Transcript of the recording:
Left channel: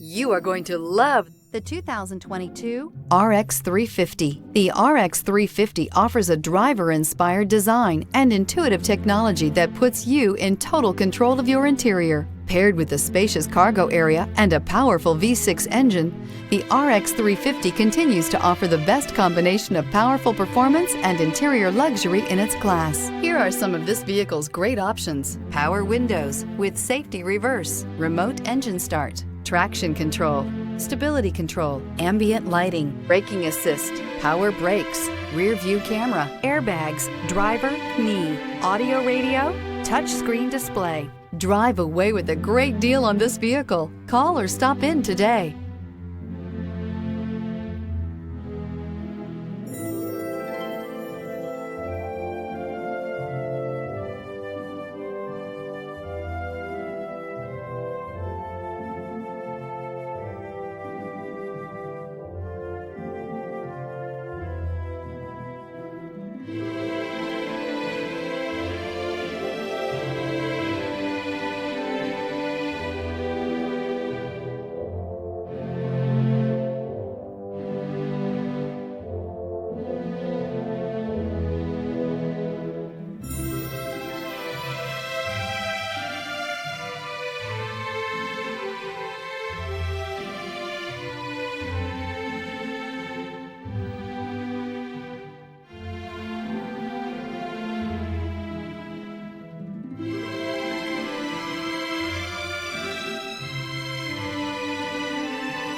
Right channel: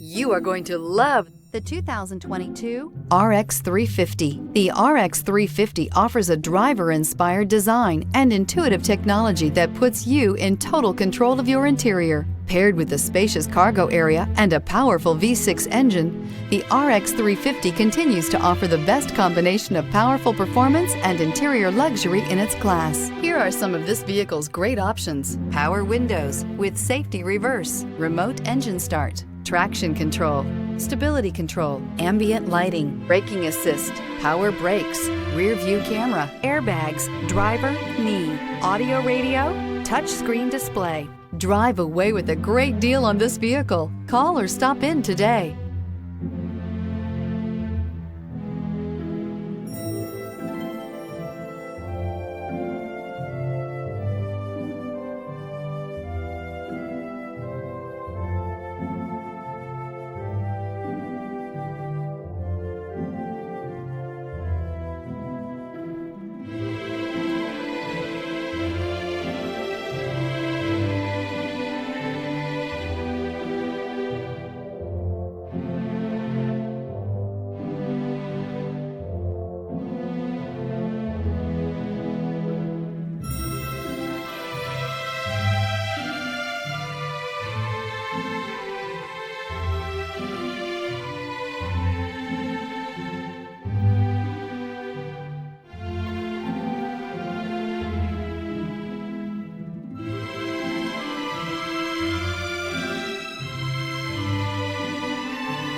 You are going to love the 2022 RX 350. The RX 350 offers a driver-inspired design and intuitive technology that puts you in total control of your interior. Paired with a spacious cargo area and a powerful V6 engine, the RX 350 continues to offer the best combination of powerful performance and interior luxury in its class. Here are some of this vehicle's great options: power windows with safety reverse, remote engine start, traction control, stability control, ambient lighting, braking assist, power brakes, rear view camera, airbags, driver, knee, audio radio, touchscreen display. Drive away with a great deal on this vehicle. Call or stop in today.